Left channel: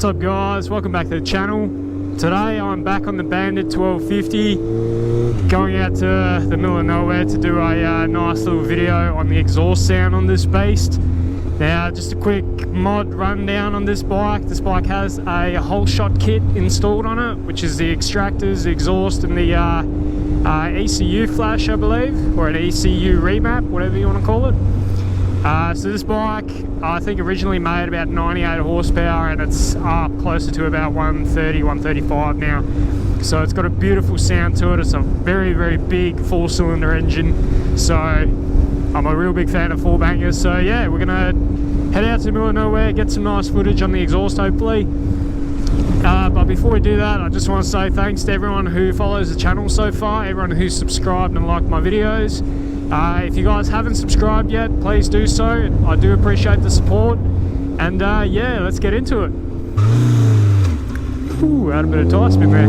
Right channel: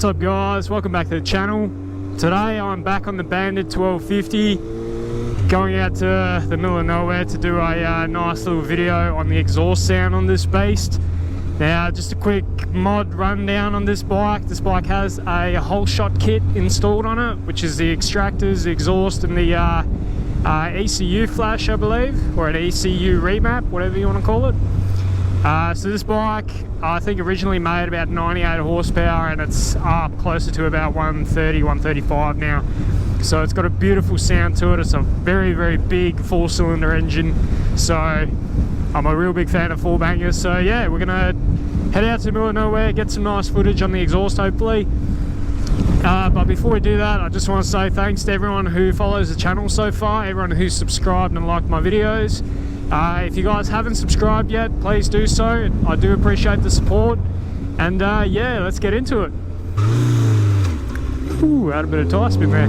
What's up guys, welcome back to the channel. Today I'm back on the Bandit 1250, going out to the middle of nowhere to do a nice little video on the exhaust sound on this beast. Now just a quick mod rundown on this bike. This bike has a whole shot kit installed on it, which is the extractors, the exhaust and the ECU flash, I believe, or an ECU remap, whatever you want to call it. So this bike, I think originally made about 98 horsepower and it's up closer to about 130, 135 now. So it's got a beautiful sound to it. It's a very, very big four-cylinder engine. So I'm a real big fan of four bangers. So yeah, we're gonna head out to the middle of nowhere, get some nice footage on the exhaust hopefully. But before we do that, I just want to say thanks to everyone who follows the channel so far, everyone who's subscribed and liked my videos. If you guys haven't subscribed yet, please do so. I do appreciate the support. And yeah, let's get into it. Ooh, had a bit of tire spin there.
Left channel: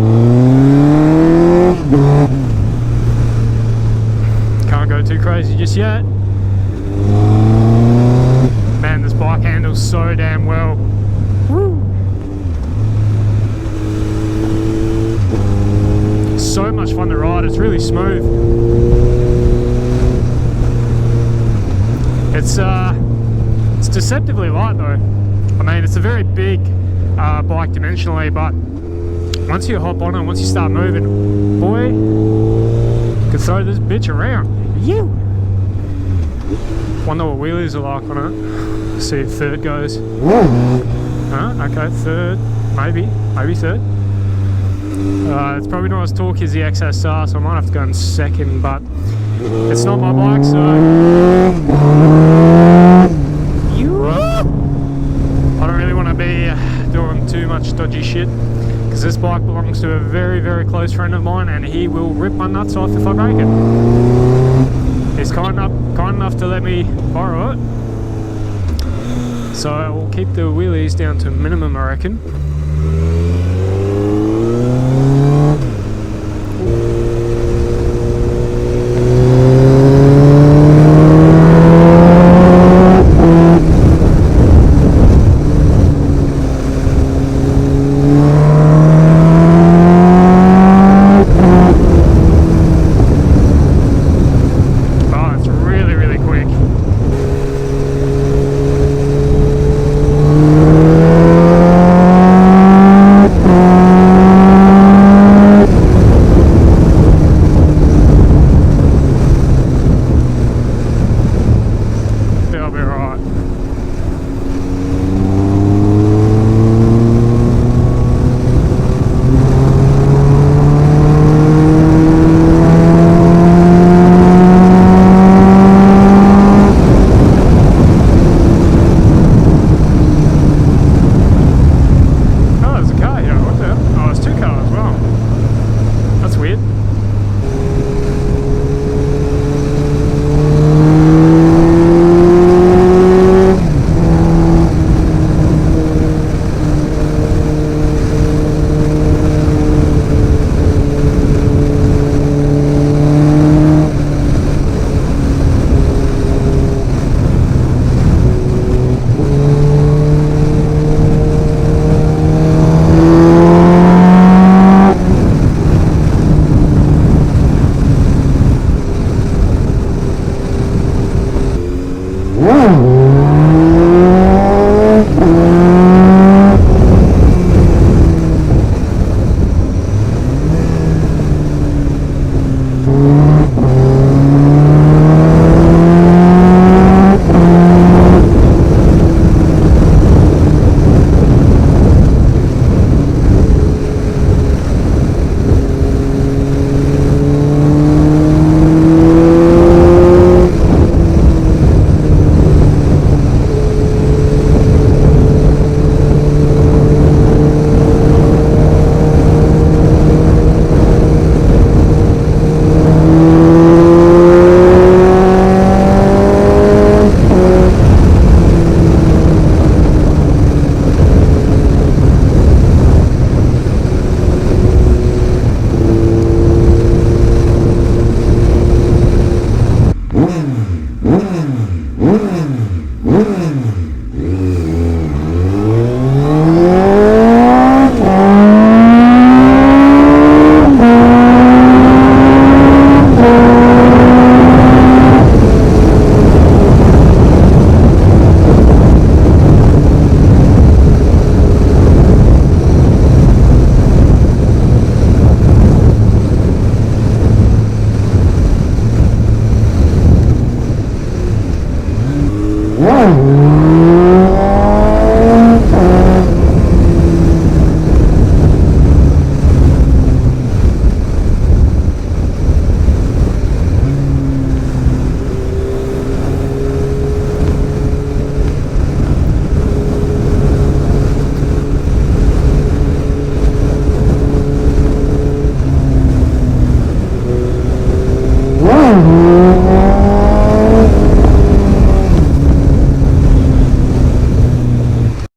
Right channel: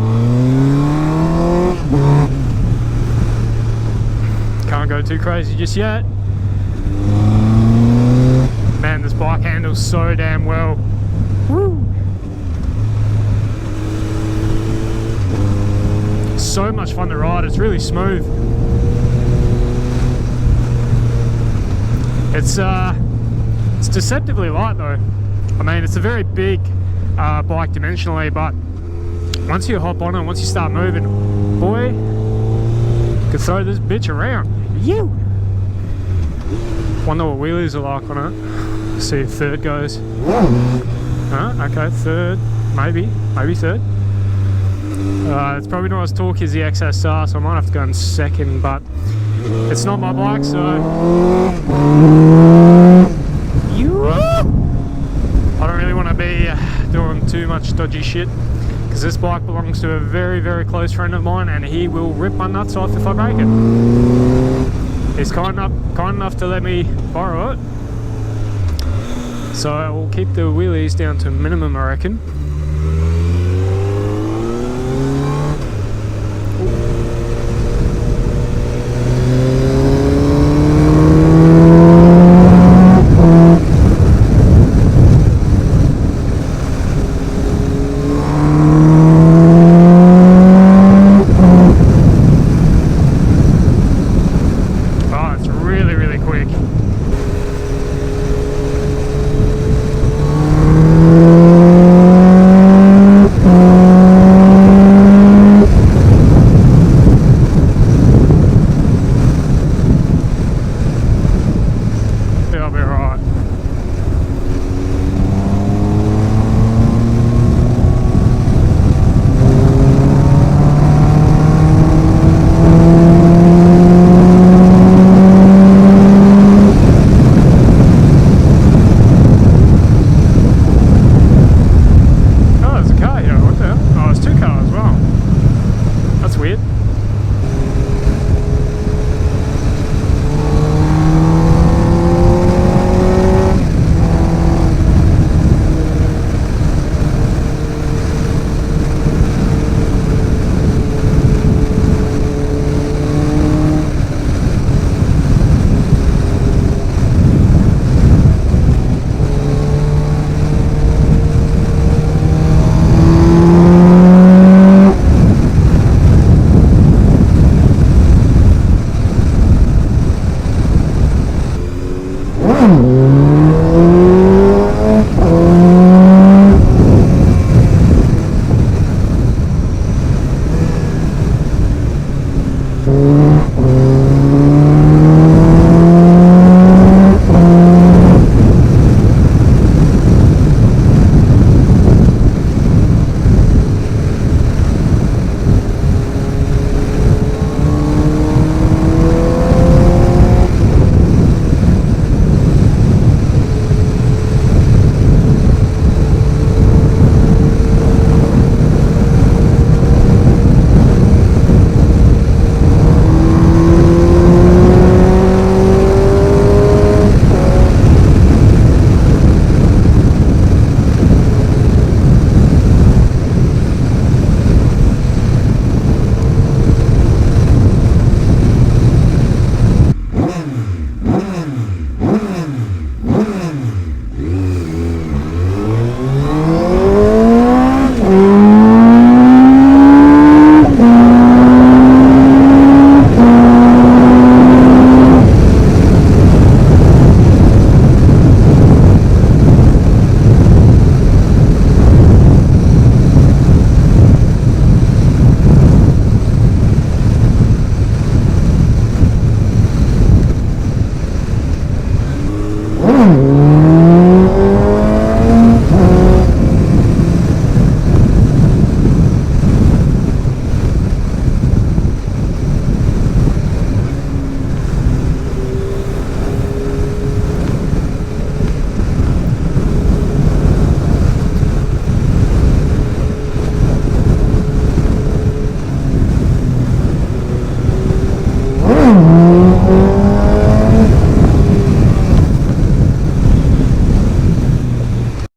Can't go too crazy just yet. Man, this bike handles so damn well. Woo! So much fun to ride, it's really smooth. It's deceptively light though. I mean, it's a very big bike dimensionally, but once you hop on it, once you start moving, boy, you can throw this bitch around. You. Wonder what wheelies are like on it. Let's see if third goes. Okay, third, maybe third. It's probably not as torquey as the XSR, so I might have to go in second, but it's not my bike, so I don't really want to be doing too much dodgy shit, because this bike belongs to a very, very close friend of mine, and he will rip my nuts off if I break it. He's kind enough to let me borrow it, so I will keep the wheelies down to a minimum, I reckon. Weird.